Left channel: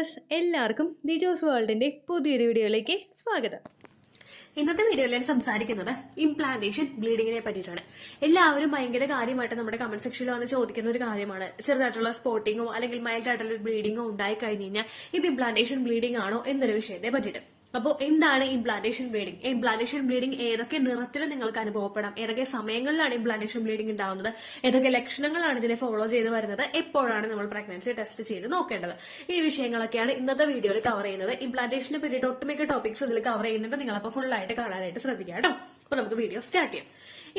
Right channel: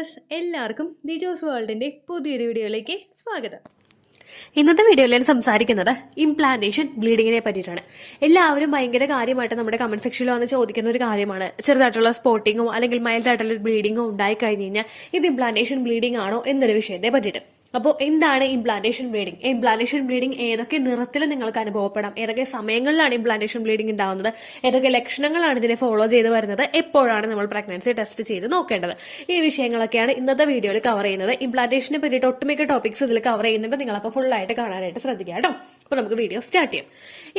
Viewers, എല്ലാവർക്കും ദിജോസ് വേൾഡിന്റെ പുതിയൊരു വീഡിയോയിലേക്ക് സ്വാഗതം. ഇന്നത്തെ വീഡിയോയിൽ ഞാൻ സംസാരിക്കുന്നത് ഇംപ്ലാന്റേഷൻ ബ്ലീഡിങ്ങിനെ പറ്റിയിട്ടാണ്. എല്ലാവരും ഭയങ്കര കാര്യമായിട്ട് നമ്മുടെ കമന്റ് സെക്ഷനിൽ വന്ന് ചോദിക്കുന്ന ഒരു കാര്യമാണ്. ചെറുതായിട്ടുള്ള സ്പോട്ടിങ്ങോ അല്ലെങ്കിൽ മൈൽഡ് ആയിട്ടുള്ള ബ്ലീഡിങ്ങോ ഉണ്ടായി കഴിഞ്ഞ് കഴിഞ്ഞാൽ ഇത് ഇംപ്ലാന്റേഷൻ ബ്ലീഡിംഗ് ആണോ എന്നൊരു വിഷയത്തെ പറ്റിയിട്ട്. അപ്പോൾ എന്താണ് ഇംപ്ലാന്റേഷൻ ബ്ലീഡിംഗ്? ഇംപ്ലാന്റേഷൻ ബ്ലീഡിംഗ് ഏതൊക്കെ നിറത്തിൽ നിങ്ങൾക്ക് അനുഭവപ്പെടാം, ഏതൊക്കെ സമയങ്ങളിലാണ് ഇംപ്ലാന്റേഷൻ ബ്ലീഡിംഗ് ഉണ്ടാവുന്നത്, ഏതൊക്കെ ലക്ഷണങ്ങളാണ് ഇതിനെ ഫോളോ ചെയ്ത് വരുന്നത്, എപ്പോഴാണ് നമ്മൾ പ്രഗ്നൻസി ടെസ്റ്റ് ചെയ്ത് നോക്കേണ്ടത്, ഈ വിഷയങ്ങളൊക്കെയാണ് ഇന്നത്തെ വീഡിയോയിൽ കവർ ചെയ്യുന്നത്. ഇംപ്ലാന്റേഷനെ പറ്റിയിട്ട് ഒട്ടുമിക്ക ടോപ്പിക്സ് ഇതിൽ കവർ ചെയ്യുന്നുണ്ട്. നിങ്ങളപ്പോൾ ഫുൾ ആയിട്ട് കാണാനായിട്ട് ശ്രദ്ധിക്കുക കേട്ടോ. അപ്പോൾ നമുക്ക് വീഡിയോ സ്റ്റാർട്ട് ചെയ്യാം.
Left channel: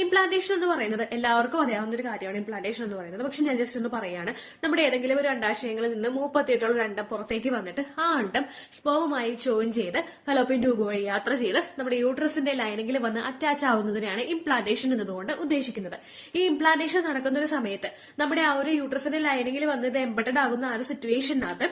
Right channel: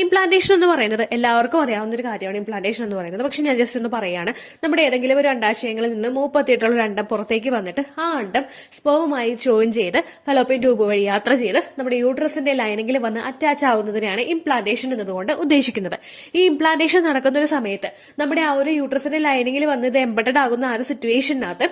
ഇംപ്ലാന്റേഷൻ എന്ന് പറയുന്നത് എല്ലാവർക്കും അറിയാവുന്ന ഒരു കാര്യമാണ്. ഇംപ്ലാന്റേഷൻ എന്ന് പറയുന്നത് പക്ഷെ ഞാൻ ജസ്റ്റ് ഒന്ന് പറയാണ്. നമ്മുടെ ഏതെങ്കിലും ഒരു അണ്ടാശയങ്ങളിൽ നിന്ന് 38 ഒരു അണ്ടം പുറത്തേക്ക് വന്നിട്ട് ആ അണ്ടം സ്പേവുമായി ജോയിൻ ചെയ്ത് ഫലോപ്പിയൻ ട്യൂബ് വഴി യാത്ര ചെയ്ത് നമ്മുടെ യൂട്രസിന്റെ ലൈനിങ്ങിൽ വന്ന് അറ്റാച്ച് ആവുന്നതിനെയാണ് ഇംപ്ലാന്റേഷൻ എന്നതുകൊണ്ട് ഉദ്ദേശിക്കുന്നത്. ഈ ഇംപ്ലാന്റേഷൻ നടക്കുന്ന ഒരു സമയത്ത് നമ്മുടെ ആ ഒരു യൂട്രസിന്റെ ലൈനിങ്ങിൽ വന്ന് ഇത് എംബഡഡ് ആകുന്ന ആ ഒരു സിറ്റുവേഷനകത്ത്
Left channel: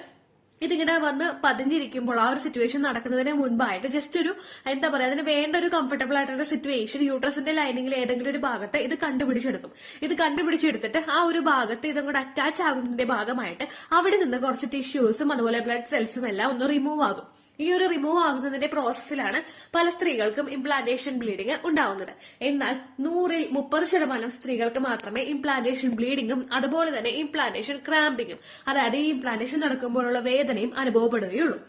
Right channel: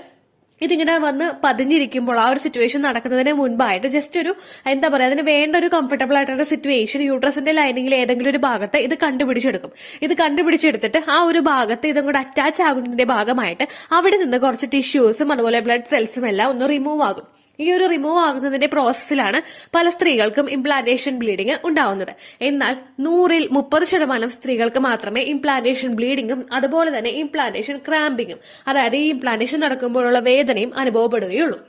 ഇതിങ്ങനെ വന്ന് പതിഞ്ഞിരിക്കുമ്പോൾ ആ ഒരു സിറ്റുവേഷൻ നടക്കുന്നതിന് മുൻപായിട്ട് ജസ്റ്റ് ഒരു എന്താ പറയുക, അതിന് വേണ്ട ഒരു കംഫർട്ടബിൾ ആയിട്ടുള്ള സിറ്റുവേഷൻ യൂട്രസിന്റെ ലൈനിങ്ങിൽ ഏതെങ്കിലും ഒരു ഭാഗത്ത് ഇത് കണ്ടുപിടിച്ചെടുക്കും. ഇത് കണ്ടുപിടിച്ചെടുത്തിട്ട് ആ ഒരു ഭാഗത്ത് ഇതും കൂടെ അറ്റാച്ച് ആകുന്നതിന്റെ ഭാഗമായിട്ട് അവിടെ നിന്ന് കുറച്ച് ടിഷ്യൂസും അതുപോലെ ബ്ലഡ് സെൽസും എല്ലാം ഒന്ന് റിമൂവ് ആകും. ഈ ഒരു റിമൂവ് ആകുന്നതിന്റെ പ്രോസസ്സിലാണ് പല സ്ത്രീകൾക്കും ഇംപ്ലാന്റേഷൻ ബ്ലീഡിംഗ് ഉണ്ടാവുന്നത്. എന്നാൽ 100ൽ 30% സ്ത്രീകൾക്ക് മാത്രമേ ഇംപ്ലാന്റേഷൻ ബ്ലീഡിംഗും അതുപോലെ തന്നെ ഇംപ്ലാന്റേഷൻ ക്രാമ്പിങ്ങും, അതായത് ഈ ഇംപ്ലാന്റേഷൻ നടക്കുമ്പോഴുള്ള വേദനയും അനുഭവപ്പെടുകയുള്ളൂ.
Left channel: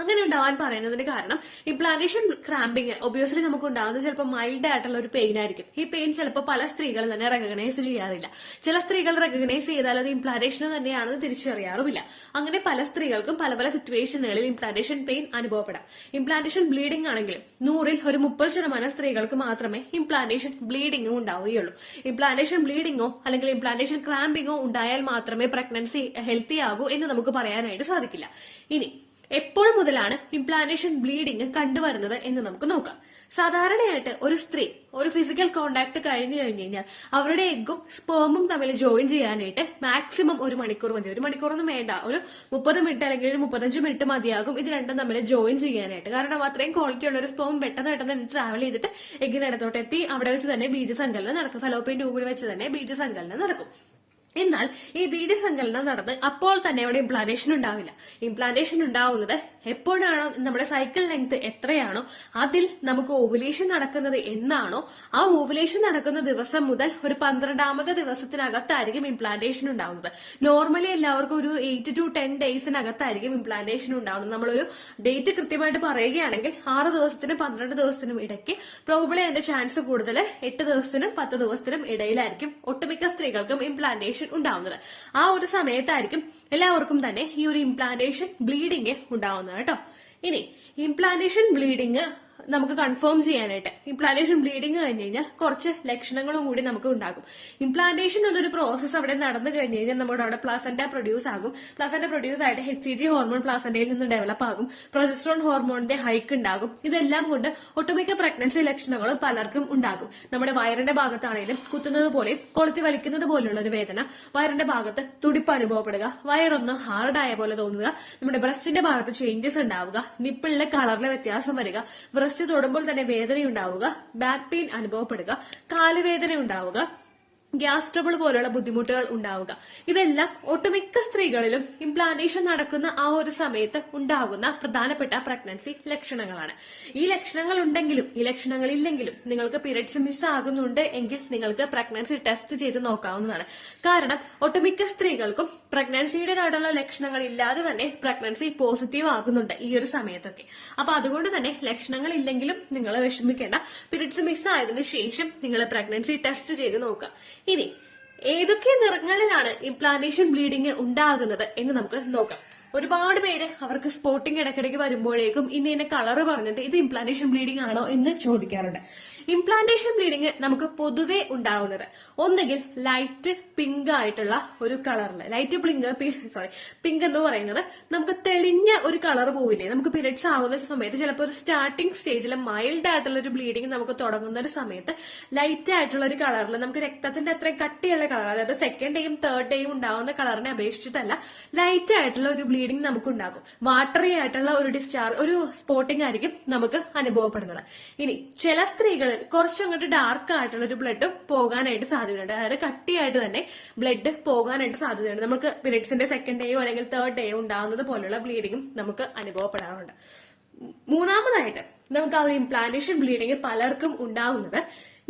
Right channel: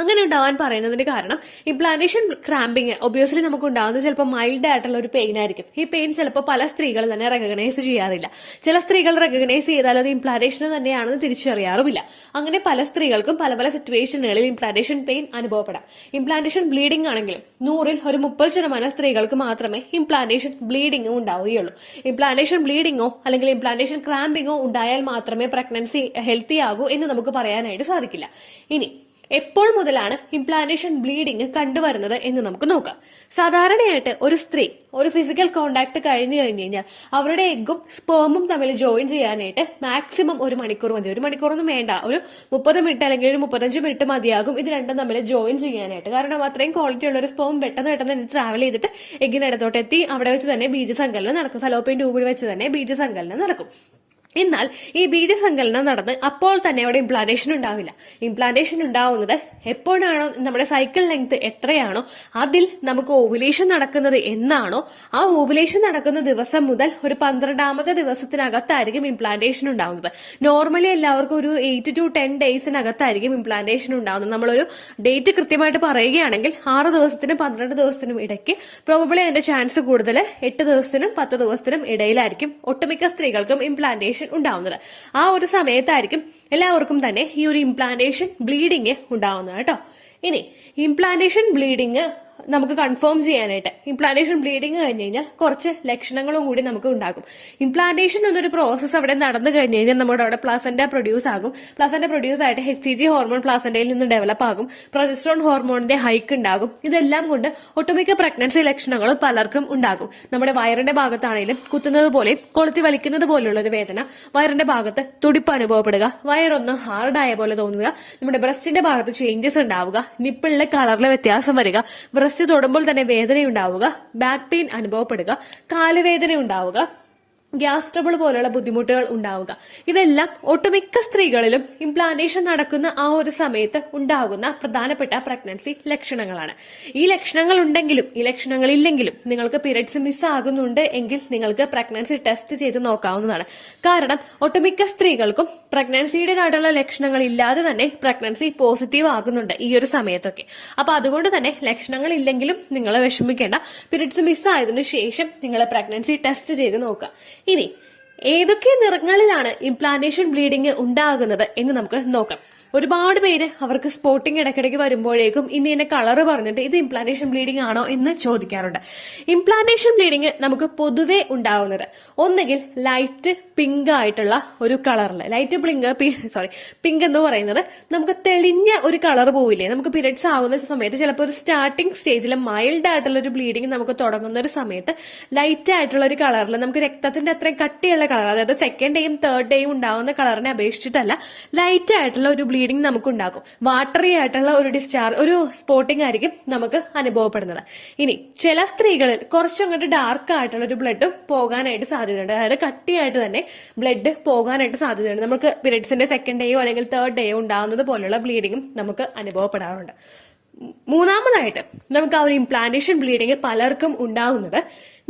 അങ്ങനെ ഉണ്ടാവാൻ പറയുന്നതിന് കാരണം ഇംപ്ലാന്റേഷൻ ക്രാമ്പിങ് ഒബ്വിയസ്ലി നമുക്ക് ഉണ്ടാകുന്നത് ചിലപ്പോൾ മൈൽഡ് ആയിട്ടുള്ള ഒരു പെയിൻ ആയിരിക്കും. ഈ പെയിൻ ചിലപ്പോൾ പല സ്ത്രീകൾ തന്നെ റെക്കഗ്നൈസ് ചെയ്യാറില്ല. ചില സ്ത്രീകൾ റെക്കഗ്നൈസ് ചെയ്താൽ അത് ഇംപ്ലാന്റേഷൻ തന്നെയാണെന്ന് തിരിച്ചറിയാറുമില്ല. അങ്ങനെ പല സ്ത്രീകൾക്കും പല പല സിറ്റുവേഷനുകളിൽ ഇംപ്ലാന്റേഷൻ പെയിൻ അനുഭവപ്പെടാം. ഇംപ്ലാന്റേഷൻ ബ്ലീഡിംഗ് ആണെങ്കിൽ 100ൽ ഒരു 30% സ്ത്രീകൾക്ക് മാത്രമേ ഇംപ്ലാന്റേഷൻ ബ്ലീഡിംഗും ഉണ്ടാവുകയുള്ളൂ. ഇംപ്ലാന്റേഷൻ ബ്ലീഡിംഗോ അല്ലെങ്കിൽ ഇംപ്ലാന്റേഷൻ ക്രാമ്പിങ്ങോ ഉണ്ടായാൽ മാത്രമേ പ്രഗ്നൻസി ഹെൽത്തി ആകൂ എന്ന് നമുക്ക് പറയാനായിട്ട് സാധിക്കില്ല. ഇനി എപ്പോൾ മുതലാണ് ഇംപ്ലാന്റേഷൻ ബ്ലീഡിംഗ് കണ്ടുവരുന്നത് എന്ന് നമുക്ക് നോക്കാം. സാധാരണയായിട്ട് ഒരു സ്ത്രീ ഒരു ഫിസിക്കൽ കോണ്ടാക്ട് കഴിഞ്ഞു കഴിഞ്ഞാൽ അവരുടെ എഗ്ഗും സ്പേമും തമ്മിൽ ജോയിൻ ചെയ്യാനായിട്ട് മാക്സിമം 1 മണിക്കൂർ മതി. 1 മണിക്കൂറൊന്നും വേണ്ട, ഒരു 30 മിനിറ്റ് അല്ലെങ്കിൽ ഒരു 35 മിനിറ്റ് മതിയാകും ഇത് രണ്ടും തമ്മിൽ ജോയിൻ ചെയ്യാനായിട്ട്. കാരണം അത്രയും ക്വാളിറ്റി ഉള്ള ഒരു സ്പേം പെട്ടെന്ന് ട്രാവൽ ചെയ്തിട്ട് എഗ്ഗിനടുത്തോട്ട് എത്തി അവിടെ വെച്ച് തന്നെ ബീജസങ്കലനം നടക്കും. ഫലോപ്പിയൻ ട്യൂബിൽ വെച്ച് തന്നെ ബീജസങ്കലനം നടക്കും. എന്നാൽ ഈ ബീജസങ്കലനം നടന്ന് അപ്പോൾ തന്നെ അവിടെ ഇംപ്ലാന്റേഷൻ ഉണ്ടാവില്ല. ഇംപ്ലാന്റേഷൻ ഉണ്ടാവുന്നത് എപ്പോഴാണോ നമ്മുടെ സൈക്കിൾ ലെങ്ത് എത്രയാണോ അതിൽ നമുക്ക് ഓവുലേഷൻ നടക്കുന്നത് എന്നാണോ ആ ഓവുലേഷൻ നടക്കുന്ന ദിവസം മുതൽ ഒരു 12ാമത്തെ ദിവസത്തിനകത്തായിരിക്കും ഇംപ്ലാന്റേഷൻ ഉണ്ടാവുന്നത്. നോർമലി എല്ലാവർക്കും ഒരു 8 to 10 ഡേയ്സിനകത്തായിരിക്കും ഇംപ്ലാന്റേഷൻ ഉണ്ടാവുന്നത്. നമ്മളൊരു ഡേറ്റ് കൃത്യമായിട്ട് പറയുകയാണെങ്കിൽ 6 ദിവസത്തിനും 12 ദിവസത്തിനും ഇടയ്ക്ക് പ്രോബബ്ലി അതിന്റെ ചാൻസ് കൂടുതൽ 8 ദിവസത്തിനും 10 ദിവസത്തിനും ഇടയിലായിരിക്കും ഒട്ടുമിക്ക സ്ത്രീകൾക്കും ഇംപ്ലാന്റേഷൻ ഉണ്ടാവുന്നത്. ആ ഒരു സമയത്തായിരിക്കും എല്ലാവർക്കും തന്നെ ഈ ഒരു ഇംപ്ലാന്റേഷൻ ബ്ലീഡിങ് ഉണ്ടാവുന്നത് കേട്ടോ. ഇനി ഇംപ്ലാന്റേഷൻ ബ്ലീഡിങ് നമുക്ക് കൺഫേം ചെയ്യാനായിട്ട് ഇംപ്ലാന്റേഷൻ ബ്ലീഡിങ് കഴിഞ്ഞ് കഴിഞ്ഞാൽ കുറച്ച് ലക്ഷണങ്ങളും കൂടി നമുക്ക് ഉണ്ടാകും. ഇംപ്ലാന്റേഷൻ എന്നൊരു പ്രോസസ്സ് അവിടെ നടന്നു കഴിഞ്ഞ് കഴിഞ്ഞാൽ നമ്മുടെ അവിടെ പ്ലാസന്റ പ്രൊഡ്യൂസ് ആകും. പ്ലാസന്റ പ്രൊഡ്യൂസ് ആയിട്ട് HCG ഹോർമോൺ പ്ലാസന്റയിൽ നിന്ന് ഡെവലപ്പ് ആകും. പ്രൊജസ്ട്രോൺ ഹോർമോണിന്റെ ഹൈക്ക് ഉണ്ടാകും. ഇതെല്ലാം കൊണ്ട് ഒട്ടുമിക്ക പ്രഗ്നൻസി ലക്ഷണങ്ങളും പലർക്കും ഉണ്ടാകും. നമ്മുടെ വയറിന്റെ ഭാഗത്താണെങ്കിലും കുത്തുന്നത് പോലെ കൊളുത്തി വലിക്കുന്നത് പോലുള്ള ഒരു വേദന, വയറിന്റെ ഭാഗത്ത് തുടിപ്പ് അനുഭവപ്പെടുക, വയറൊന്ന് ഹാർഡായ പോലെ തോന്നുക, നമ്മുടെ ബ്രസ്റ്റിന്റെ ഭാഗത്ത് ചേഞ്ചസ് ഉണ്ടാവുക, നിപ്പിളിലെ കളറിലെ വ്യത്യാസം വരിക, ബ്രസ്റ്റ് തൊടുമ്പോൾ തന്നെ വേദനയുണ്ടാവുക, ബാക്ക് പെയിൻ അനുഭവപ്പെടുക, കാലുവേദന ഉണ്ടാവുക, ഗ്യാസ് ട്രബിൾ പോലുള്ള ബുദ്ധിമുട്ടുകൾ ഉണ്ടാവുക. ഇതെല്ലാം ഒട്ടുമിക്ക സ്ത്രീകളിലും ഇംപ്ലാന്റേഷൻ നടക്കുന്ന ആ ഒരു സമയത്ത് ഉണ്ടാകുന്ന പ്രധാനപ്പെട്ട പ്രഗ്നൻസി ലക്ഷണങ്ങളാണ്. ഈ ലക്ഷണങ്ങൾ ഉണ്ടെങ്കിലും ഈ ലക്ഷണങ്ങൾ ഇല്ലെങ്കിലും നിങ്ങൾക്ക് പീരിയഡ്സ് മിസ് ആകുന്നുണ്ട് എങ്കിൽ നിങ്ങൾക്ക് പ്രഗ്നൻസി ടെസ്റ്റ് ചെയ്ത് നോക്കാവുന്നതാണ്. കാരണം ഒട്ടുമിക്ക സ്ത്രീകൾക്കും പ്രഗ്നൻസിയുടെ കാർഡുള്ള ലക്ഷണങ്ങൾ ഇല്ലാതെ തന്നെ പ്രഗ്നൻസി പോസിറ്റീവ് ആകുന്നുണ്ട് ഈ ഒരു സമയത്തൊക്കെ. അപ്പൊ അതുകൊണ്ട് തന്നെ ലക്ഷണങ്ങൾ ഇല്ലെങ്കിലും നിങ്ങൾ വിഷമിക്കേണ്ട. പീരിയഡ്സ് മിസ് ആയതിനു ശേഷം നിങ്ങൾ പ്രഗ്നൻസി ടെസ്റ്റ് ചെയ്ത് നോക്കുക. ഇനി ഏതൊക്കെ നിറങ്ങളിലാണ് ഇംപ്ലാന്റേഷൻ ബ്ലീഡിംഗ് ഉണ്ടാകുന്നത് എന്ന് നമുക്ക് നോക്കാം. ഒരുപാട് പേര് അവർക്ക് സ്പോട്ടിങ് ഇടയ്ക്കിടയ്ക്ക് വരുമ്പോഴേക്കും ഇന്ന കളർ പറഞ്ഞിട്ട് ഇത് ഇംപ്ലാന്റേഷൻ ബ്ലീഡിംഗ് ആണോ എന്ന് ചോദിക്കാറുണ്ട്. ഇംപ്ലാന്റേഷൻ ബ്ലീഡിംഗ് നമുക്ക് പൊതുവെ ഉണ്ടാവുന്നത് ഒന്നുകിൽ ലൈറ്റ് പിങ്ക് ആയിട്ടുള്ള ഒരു കളറിൽ, പിങ്ക് എന്ന് പറയുന്നത് നമുക്ക് തെളിഞ്ഞ ഒരു കളർ പോവില്ലേ. നമുക്ക് പീരിയഡ്സ് ആകുന്ന സമയത്ത് ചിലപ്പോൾ ഒരു സ്റ്റാർട്ടിംഗ് സ്റ്റേജിൽ മൈൽഡ് ആയിട്ടുള്ള ഒരു ബ്ലീഡിംഗ് നമുക്ക് തുടങ്ങുന്ന ഒരു സമയത്ത് ലൈറ്റ് ആയിട്ടുള്ള ഒരു കളറിൽ നമുക്ക് രക്തത്തിന്റെ അത്രയും കട്ടിയുള്ള കളർ, അതായത് സെക്കൻഡ് ഡേയും തേർഡ് ഡേയും ഉണ്ടാകുന്ന കളറിനെ അപേക്ഷിച്ചിട്ടല്ല, ലൈറ്റ് ആയിട്ടുള്ള ഒരു ബ്ലീഡിങ് നമുക്കുണ്ടാകും. വാട്ടറി ആയിട്ടുള്ള ഒരു ഡിസ്ചാർജ്, ഒരു സ്പോട്ടിംഗ് ആയിരിക്കും നമുക്ക് അനുഭവപ്പെടുന്നത്. ഇനി ചില സ്ത്രീകളിൽ കുറച്ചങ്ങോട്ട് ഡാർക്ക് ആയിട്ടുള്ള ഒരു ബ്ലഡ് പോകാനായിട്ട് സാധ്യതയുണ്ട്. അതായത് കട്ടിയായിട്ട് തന്നെ ബ്ലഡ് പോകാനായിട്ട് സാധ്യതയുണ്ട്. നമുക്ക് പീരിയഡ്സിന്റെ സെക്കൻഡ് ഡേയോ അല്ലെങ്കിൽ തേർഡ് ഡേയോ ഉണ്ടാകുന്നത് പോലുള്ള ബ്ലീഡിങ്ങും നമുക്ക് അനുഭവപ്പെടാറുണ്ട്. മൂന്നാമതായിട്ട് നമുക്ക് ആ ഒരു ഇംപ്ലാന്റേഷൻ ബ്ലീഡിങ് പലർക്കും ഉണ്ടാകുന്നത്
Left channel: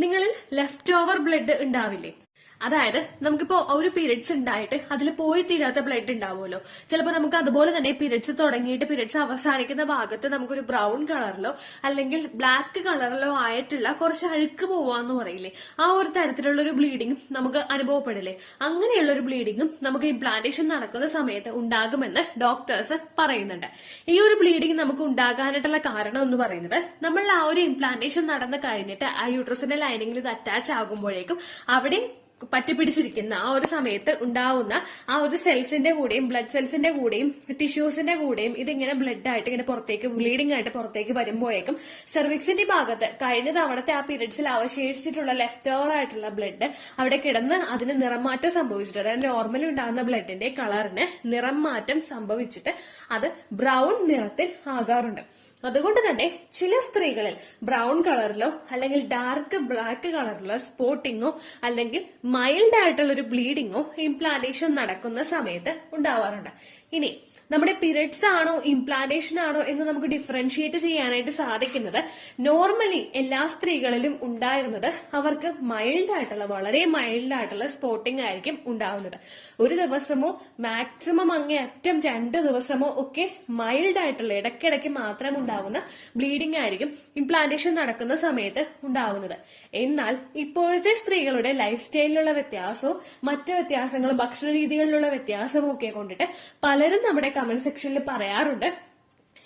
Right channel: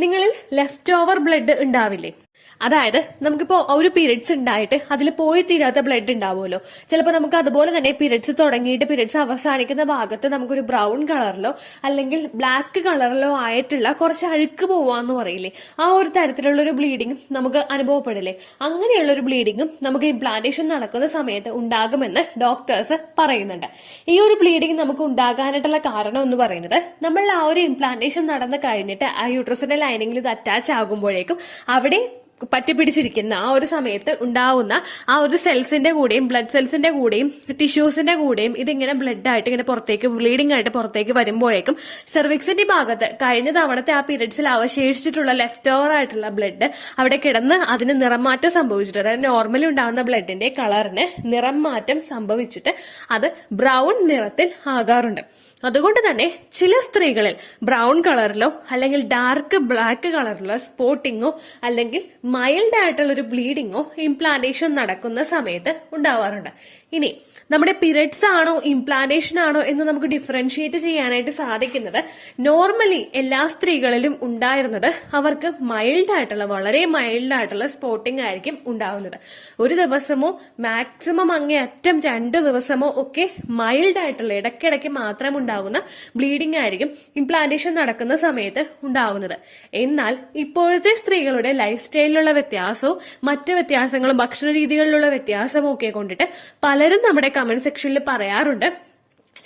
നിങ്ങളിൽ ലെഫ്റ്റ് ഓവർ ബ്ലഡ് ഉണ്ടാവില്ലേ? അതായത് നമുക്കിപ്പോ ഒരു പീരിയഡ്സ് ഉണ്ടായിട്ട് അതിൽ പോയി തീരാത്ത ബ്ലഡ് ഉണ്ടാവുമല്ലോ. ചിലപ്പോൾ നമുക്ക് അതുപോലെ തന്നെ പീരിയഡ്സ് തുടങ്ങിയിട്ട് പീരിയഡ്സ് അവസാനിക്കുന്ന ഭാഗത്ത് നമുക്കൊരു ബ്രൗൺ കളറിലോ അല്ലെങ്കിൽ ബ്ലാക്ക് കളറിലോ ആയിട്ടുള്ള കുറച്ച് അഴുക്ക് പോവാന്ന് പറയില്ലേ, ആ ഒരു തരത്തിലുള്ള ഒരു ബ്ലീഡിങ്ങും നമുക്ക് അനുഭവപ്പെടില്ലേ? അങ്ങനെയുള്ള ഒരു ബ്ലീഡിങ്ങും നമുക്ക് ഇംപ്ലാന്റേഷൻ നടക്കുന്ന സമയത്ത് ഉണ്ടാകുമെന്ന് ഡോക്ടേഴ്സ് പറയുന്നുണ്ട്. ഈ ഒരു ബ്ലീഡിങ് നമുക്ക് ഉണ്ടാകാനായിട്ടുള്ള കാരണം എന്ന് പറയുന്നത് നമ്മൾ ആ ഒരു ഇംപ്ലാന്റേഷൻ നടന്നു കഴിഞ്ഞിട്ട് ആ യൂട്രസിന്റെ ലൈനിങ്ങിൽ ഇത് അറ്റാച്ച് ആകുമ്പോഴേക്കും അവിടെ പറ്റിപ്പിടിച്ചിരിക്കുന്ന ആ ഒരു സമയത്ത് ഉണ്ടാവുന്ന ആ ഒരു സെൽസിന്റെ കൂടെയും ബ്ലഡ് സെൽസിന്റെ കൂടെയും ടിഷ്യൂസിന്റെ കൂടെയും ഇതിങ്ങനെ ബ്ലഡ് ആയിട്ട് ഇങ്ങനെ പുറത്തേക്ക് ബ്ലീഡിംഗ് ആയിട്ട് പുറത്തേക്ക് വരുമ്പോഴേക്കും സെർവിക്സിന്റെ ഭാഗത്ത് കഴിഞ്ഞ തവണത്തെ ആ പീരിയഡ്സിൽ അവശേഷിച്ചിട്ടുള്ള ലെഫ്റ്റ് ഓവർ ആയിട്ടുള്ള ബ്ലഡ് അവിടെ കിടന്ന് അതിന് നിറം മാറ്റം സംഭവിച്ചിട്ട്, നോർമലി ഉണ്ടാകുന്ന ബ്ലഡിന്റെ കളറിന് നിറം മാറ്റം സംഭവിച്ചിട്ട് അത് ബ്രൗൺ നിറത്തിൽ ആകാറുണ്ട്. അതുകൊണ്ട് തന്നെ ചില സ്ത്രീകളിൽ ബ്രൗൺ കളറിലോ അല്ലെങ്കിൽ ഡാർക്ക് ബ്ലാക്ക് കളറിലോ സ്പോട്ടിങ്ങോ അല്ലെങ്കിൽ മൈൽഡ് ആയിട്ടുള്ള ഒരു ബ്ലീഡിങ്ങോ ഇംപ്ലാന്റേഷൻ നടക്കുന്ന സമയത്ത് ഉണ്ടാവാറുണ്ട്. ഇനി നമ്മുടെ പീരിയഡ്സ് ആണോ ഇംപ്ലാന്റേഷൻ ആണോ എന്ന് നമുക്ക് ഡിഫറൻഷിയേറ്റ് ചെയ്യാനായിട്ട് സാധിക്കുന്നത് നോർമലി എല്ലാ സ്ത്രീകളിലും ഉണ്ടായിരുന്നത് അവർക്ക് മൈൽഡ് ആയിട്ടുള്ള, വളരെ മൈൽഡ് ആയിട്ടുള്ള സ്പോട്ടിംഗ് ആയിരിക്കും ഉണ്ടാവുന്നത്. ഒരു ദിവസമോ മാക്സിമം അങ്ങേയറ്റം 2 ദിവസമോ ഒക്കെ മൈൽഡ് ആയിട്ടുള്ള ഇടയ്ക്കിടയ്ക്ക് മാത്രം ഉണ്ടാകുന്ന ബ്ലീഡിംഗ് ആയിരിക്കും ഇംപ്ലാന്റേഷൻ നടക്കുന്ന സമയത്ത് ഉണ്ടാകുന്നത്. എന്നാൽ ഇപ്പോഴത്തെ സ്ത്രീകളുടെ ലൈഫ് സ്റ്റൈലിലുള്ള വ്യത്യാസവും മറ്റു വ്യത്യാസങ്ങളും ഭക്ഷണ രീതികളിലുള്ള വ്യത്യാസവും ഒക്കെ കൊണ്ടിട്ട് പലരും നമ്മുടെ കമന്റ് സെക്ഷനിൽ പറയാറുണ്ട്,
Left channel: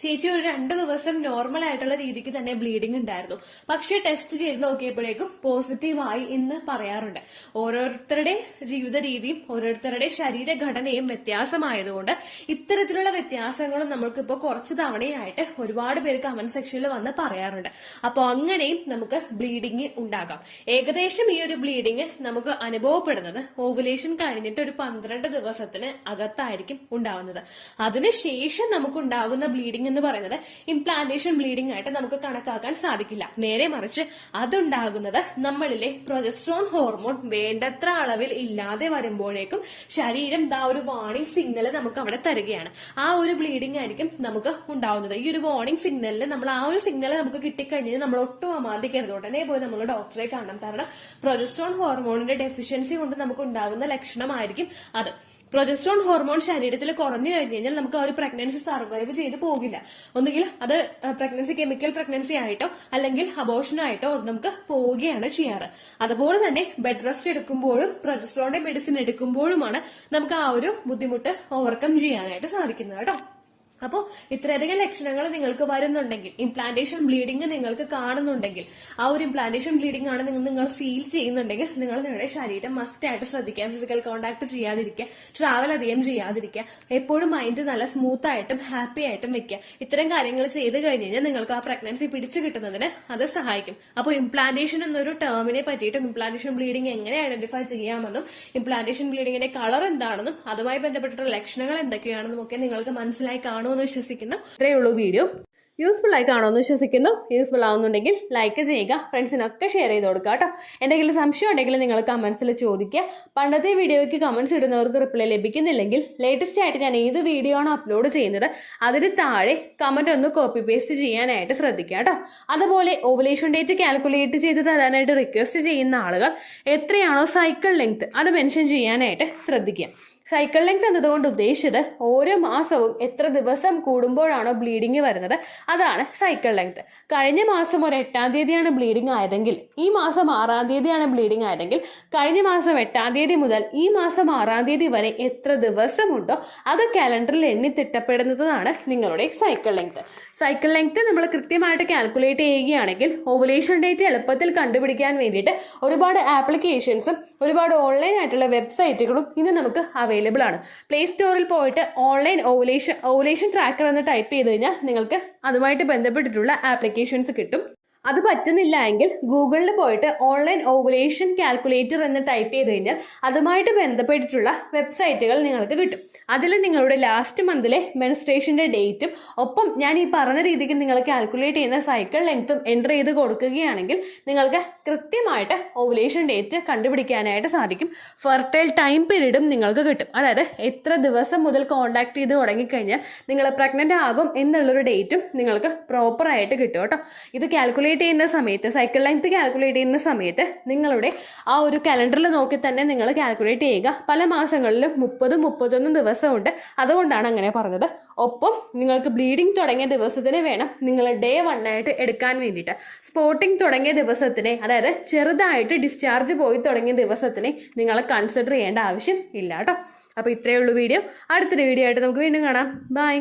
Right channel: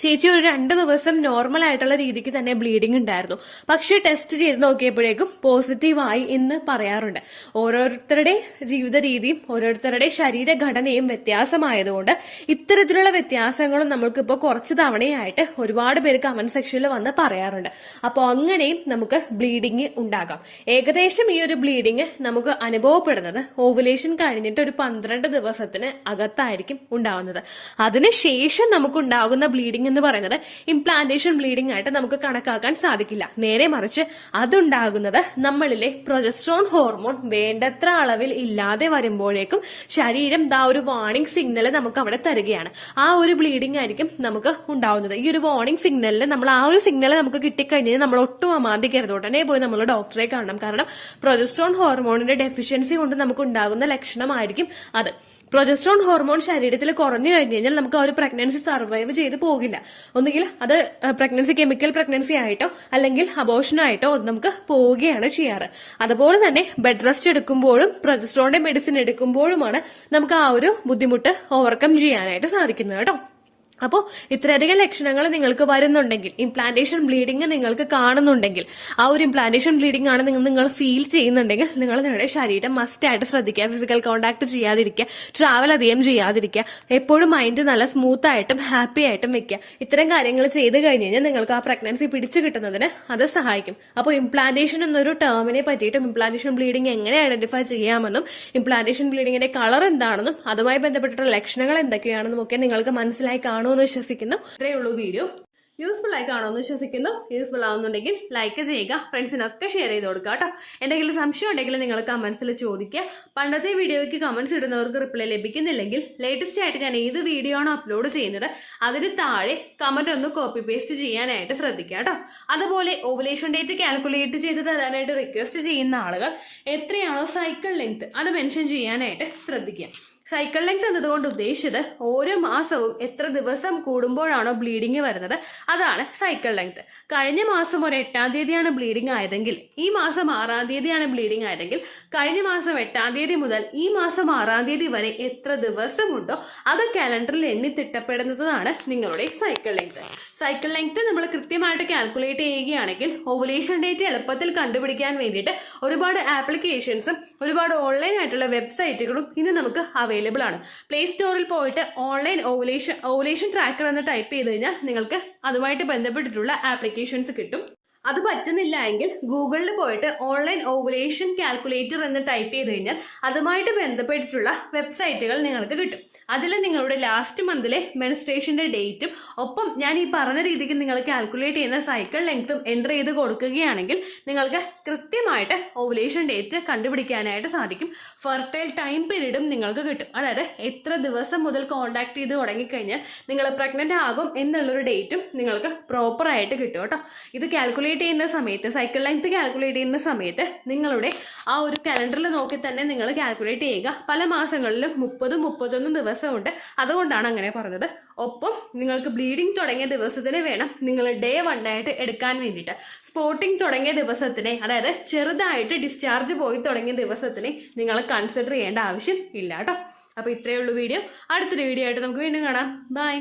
ചേച്ചി ഒരു 2 ദിവസം നോർമൽ ആയിട്ടുള്ള രീതിക്ക് തന്നെ ബ്ലീഡിംഗ് ഉണ്ടായിരുന്നു, പക്ഷെ ടെസ്റ്റ് ചെയ്ത് നോക്കിയപ്പോഴേക്കും പോസിറ്റീവായി എന്ന് പറയാറുണ്ട്. ഓരോരുത്തരുടെ ജീവിത രീതിയും ഓരോരുത്തരുടെ ശരീരഘടനയും വ്യത്യാസമായതുകൊണ്ട് ഇത്തരത്തിലുള്ള വ്യത്യാസങ്ങളും നമ്മൾക്കിപ്പോൾ കുറച്ച് തവണയായിട്ട് ഒരുപാട് പേര് കമന്റ് സെക്ഷനിൽ വന്ന് പറയാറുണ്ട്. അപ്പോൾ അങ്ങനെയും നമുക്ക് ബ്ലീഡിംഗ് ഉണ്ടാകാം. ഏകദേശം ഈ ഒരു ബ്ലീഡിംഗ് നമുക്ക് അനുഭവപ്പെടുന്നത് ഓവുലേഷൻ കഴിഞ്ഞിട്ട് ഒരു 12 ദിവസത്തിന് അകത്തായിരിക്കും ഉണ്ടാവുന്നത്. അതിനുശേഷം നമുക്കുണ്ടാകുന്ന ബ്ലീഡിംഗ് എന്ന് പറയുന്നത് ഇംപ്ലാന്റേഷൻ ബ്ലീഡിംഗ് ആയിട്ട് നമുക്ക് കണക്കാക്കാൻ സാധിക്കില്ല. നേരെ മറിച്ച് അതുണ്ടാകുന്നത് നമ്മളിലെ പ്രൊജസ്ട്രോൺ ഹോർമോൺ വേണ്ടത്ര അളവിൽ ഇല്ലാതെ വരുമ്പോഴേക്കും ശരീരം ഒരു വാർണിംഗ് സിഗ്നൽ നമുക്ക് അവിടെ തരികയാണ്. ആ ഒരു ബ്ലീഡിംഗ് ആയിരിക്കും നമുക്ക് ഉണ്ടാവുന്നത്. ഈ ഒരു വാർണിംഗ് സിഗ്നലിൽ നമ്മൾ ആ ഒരു സിഗ്നൽ നമുക്ക് കിട്ടിക്കഴിഞ്ഞാൽ നമ്മൾ ഒട്ടും അമാന്തിക്കരുത്, ഉടനെ പോയി നമ്മൾ ഡോക്ടറെ കാണണം. കാരണം പ്രൊജസ്ട്രോൺ ഹോർമോണിന്റെ ഡെഫിഷ്യൻസി കൊണ്ട് നമുക്ക് ഉണ്ടാകുന്ന ലക്ഷണമായിരിക്കും അത്. പ്രൊജസ്ട്രോൺ ഹോർമോൺ ശരീരത്തിൽ കുറഞ്ഞു കഴിഞ്ഞു കഴിഞ്ഞാൽ നമുക്ക് ആ ഒരു പ്രഗ്നൻസി സർവൈവ് ചെയ്ത് പോകില്ല. ഒന്നുകിൽ അത് പ്രഗ്നൻസി കെമിക്കൽ പ്രഗ്നൻസി ആയിട്ടോ അല്ലെങ്കിൽ അബോർഷനായിട്ടോ നമുക്ക് പോവുകയാണ് ചെയ്യാറ്. അതുപോലെ തന്നെ ബെഡ് റെസ്റ്റ് എടുക്കുമ്പോഴും പ്രൊജസ്ട്രോണിന്റെ മെഡിസിൻ എടുക്കുമ്പോഴുമാണ് നമുക്ക് ആ ഒരു ബുദ്ധിമുട്ട് ഓവർകം ചെയ്യാനായിട്ട് സാധിക്കുന്നത് കേട്ടോ. അപ്പോൾ ഇത്രയധികം ലക്ഷണങ്ങൾ നിങ്ങൾക്ക് വരുന്നുണ്ടെങ്കിൽ, ഇംപ്ലാന്റേഷൻ ബ്ലീഡിംഗ് നിങ്ങൾക്ക് കാണുന്നുണ്ടെങ്കിൽ, ആ ഒരു ഇംപ്ലാന്റേഷൻ ബ്ലീഡിംഗ് ആണ് നിങ്ങൾ ഫീൽ ചെയ്യുന്നുണ്ടെങ്കിൽ നിങ്ങൾ നിങ്ങളുടെ ശരീരം മസ്റ്റ് ആയിട്ട് ശ്രദ്ധിക്കുക. ഫിസിക്കൽ കോണ്ടാക്ട് ചെയ്യാതിരിക്കുക, ട്രാവൽ അധികം ചെയ്യാതിരിക്കുക, എപ്പോഴും മൈൻഡ് നല്ല സ്മൂത്ത് ആയിട്ടും ഹാപ്പി ആയിട്ടും വെക്കുക. ഇത്തരം കാര്യങ്ങൾ ചെയ്ത് കഴിഞ്ഞ് കഴിഞ്ഞാൽ നിങ്ങൾക്ക് ആ പ്രഗ്നൻസി പിടിച്ചു കിട്ടുന്നതിന് അത് സഹായിക്കും. അപ്പോൾ ഇംപ്ലാന്റേഷൻ എന്നൊരു ടേമിനെ പറ്റിയിട്ടും ഇംപ്ലാന്റേഷൻ ബ്ലീഡിംഗ് എങ്ങനെ ഐഡന്റിഫൈ ചെയ്യാമെന്നും ഇംപ്ലാന്റേഷൻ ബ്ലീഡിംഗിന്റെ കളർ എന്താണെന്നും അതുമായി ബന്ധപ്പെട്ടിട്ടുള്ള ലക്ഷണങ്ങൾ എന്തൊക്കെയാണെന്നും ഒക്കെ നിങ്ങൾക്ക് മനസ്സിലായി കാണുമെന്ന് വിശ്വസിക്കുന്നു. ഇത്രയേ ഉള്ളൂ വീഡിയോ. യൂസ്ഫുൾ ആയി കാണുമെന്ന് വിശ്വസിക്കുന്നു. യൂസ്ഫുൾ ആവുന്നുണ്ടെങ്കിൽ ലൈക്ക് ചെയ്യുക, ഫ്രണ്ട്സിനൊക്കെ ഷെയർ ചെയ്ത് കൊടുക്കുക കേട്ടോ. എന്തെങ്കിലും സംശയം ഉണ്ടെങ്കിൽ നിങ്ങൾ കമന്റ്സിൽ ചോദിക്കുക. പണ്ടത്തെ വീഡിയോയ്ക്ക് കമന്റ്സ് ഇടുന്നവർക്ക് റിപ്ലൈ ലഭിക്കുന്നില്ലെങ്കിൽ ലേറ്റസ്റ്റ് ആയിട്ട് ഞാൻ ഏത് വീഡിയോ ആണോ അപ്ലോഡ് ചെയ്യുന്നത് അതിന് താഴെ കമന്റ് ഒന്ന് കോപ്പി പേസ്റ്റ് ചെയ്യാനായിട്ട് ശ്രദ്ധിക്കുക കേട്ടോ. അതുപോലെ ഓവുലേഷൻ ഡേറ്റ് കാൽക്കുലേറ്റ് ചെയ്ത് തരാനായിട്ട് റിക്വസ്റ്റ് ചെയ്യുന്ന ആളുകൾ എത്രയാണോ സൈക്കിൾ ലെങ്ത് അത് മെൻഷൻ ചെയ്യാനായിട്ട് ശ്രദ്ധിക്കുക. സൈക്കിൾ ലെങ്ത് എന്നതുകൊണ്ട് ഉദ്ദേശിച്ചത് ഓരോ മാസവും എത്ര ദിവസം കൂടുമ്പോഴാണോ ബ്ലീഡിങ് വരുന്നത് അതാണ് സൈക്കിൾ ലെങ്ത്. കഴിഞ്ഞ മാസം ഒരു 8-ാം തീയതിയാണ് ബ്ലീഡിംഗ് ആയതെങ്കിൽ ഈ മാസം 6-ാം തീയതിയാണ് ബ്ലീഡിംഗ് ആയതെങ്കിൽ കഴിഞ്ഞ മാസം 8-ാം തീയതി മുതൽ ഈ മാസം 6-ാം തീയതി വരെ എത്ര ദിവസമുണ്ടോ അത് കാലണ്ടറിൽ എണ്ണി തിട്ടപ്പെടുന്നതാണ് നിങ്ങളുടെ സൈക്കിൾ ലെങ്ത്. സൈക്കിൾ ലെങ്ത് നമ്മൾ കൃത്യമായിട്ട് കാൽക്കുലേറ്റ് ചെയ്യുകയാണെങ്കിൽ ഓവുലേഷൻ ഡേറ്റ് എളുപ്പത്തിൽ കണ്ടുപിടിക്കാൻ വേണ്ടിയിട്ട് ഒരുപാട് ആപ്ലിക്കേഷൻസും ഒരുപാട് ഓൺലൈൻ ആയിട്ടുള്ള വെബ്സൈറ്റുകളും ഇന്ന് നമുക്ക് അവൈലബിൾ ആണ്. പ്ലേ സ്റ്റോറിൽ പോയിട്ട് ഓൺലൈൻ ഓവുലേഷൻ ട്രാക്കർ എന്ന് ടൈപ്പ് ചെയ്ത് കഴിഞ്ഞാൽ നിങ്ങൾക്ക് അതുമായിട്ട് ബന്ധപ്പെട്ടിട്ടുള്ള ആപ്ലിക്കേഷൻസ് കിട്ടും. അത് പറ്റുന്നില്ല എങ്കിൽ ഗൂഗിളിൽ പോയിട്ട് ഓൺലൈൻ ഓവുലേഷൻ കാൽക്കുലേറ്റർ എന്ന് ടൈപ്പ് ചെയ്ത് കഴിഞ്ഞാൽ അതുമായിട്ട് ബന്ധപ്പെട്ടിട്ടുള്ള വെബ്സൈറ്റുകൾ നിങ്ങൾക്ക് കിട്ടും. അതിൽ നിങ്ങളുടെ ലാസ്റ്റ് മന്തിലെ മെൻസ്ട്രേഷൻ്റെ ഡേറ്റും ഒപ്പം ഞാൻ ഈ പറഞ്ഞ രീതിക്ക് നിങ്ങൾ കാൽക്കുലേറ്റ് ചെയ്യുന്ന സൈക്കിൾ ലെങ്ത്തും എൻ്റർ ചെയ്ത് കൊടുക്കുകയാണെങ്കിൽ നിങ്ങൾക്ക് കൃത്യമായിട്ട് ഓവുലേഷൻ ഡേറ്റ് കണ്ടുപിടിക്കാനായിട്ട് സാധിക്കും. ഫെർട്ടൈൽ ടൈം പീരീഡും നിങ്ങൾക്ക് കിട്ടും. അതായത് എത്ര ദിവസം മുതൽ കോൺടാക്ട് ചെയ്ത് തുടങ്ങിക്കഴിഞ്ഞാൽ നിങ്ങൾ പ്രഗ്നൻ്റ് ആകും എന്നുള്ളൊരു ഡേറ്റും നിങ്ങൾക്ക് പ്രോപ്പറായിട്ട് കിട്ടും കേട്ടോ. ഇത് കാൽക്കുലേറ്റ് ചെയ്യുന്ന സമയത്ത്, സൈക്കിൾ ലെങ്ത് കാൽക്കുലേറ്റ് ചെയ്യുന്ന സമയത്ത് നിങ്ങളുടെ ആ ഒരു കലണ്ടറിൽ നോക്കി തന്നെ നിങ്ങൾ കാൽക്കുലേറ്റ് ചെയ്യുക. പല മാസങ്ങളിലും 30-31 ദിവസമുണ്ട്, അതുകൊണ്ടാണ് അങ്ങനെ പറഞ്ഞത്. ഒപ്പം നിങ്ങൾക്ക് ബ്ലീഡിങ് തുടങ്ങിയ ദിവസത്തിന് വേണം നിങ്ങൾ ഡേ 1 ആയിട്ട് എടുക്കാൻ വേണ്ടിയിട്ട്. സ്പോട്ടിങ് തുടങ്ങിയ ദിവസത്തിനെ, അതായത് ചെറുതായിട്ട് ഡിസ്ചാർജ് പോയി തുടങ്ങിയ ദിവസത്തിനെ നിങ്ങൾ കൺസിഡർ ചെയ്യേണ്ട ആവശ്യം ഇല്ല കേട്ടോ. അപ്പോൾ ഇത്രയേ ഉള്ളൂ വീഡിയോ. അടുത്തൊരു വീഡിയോ ആയിട്ട് നമുക്ക് വീണ്ടും കാണാം. ബൈ.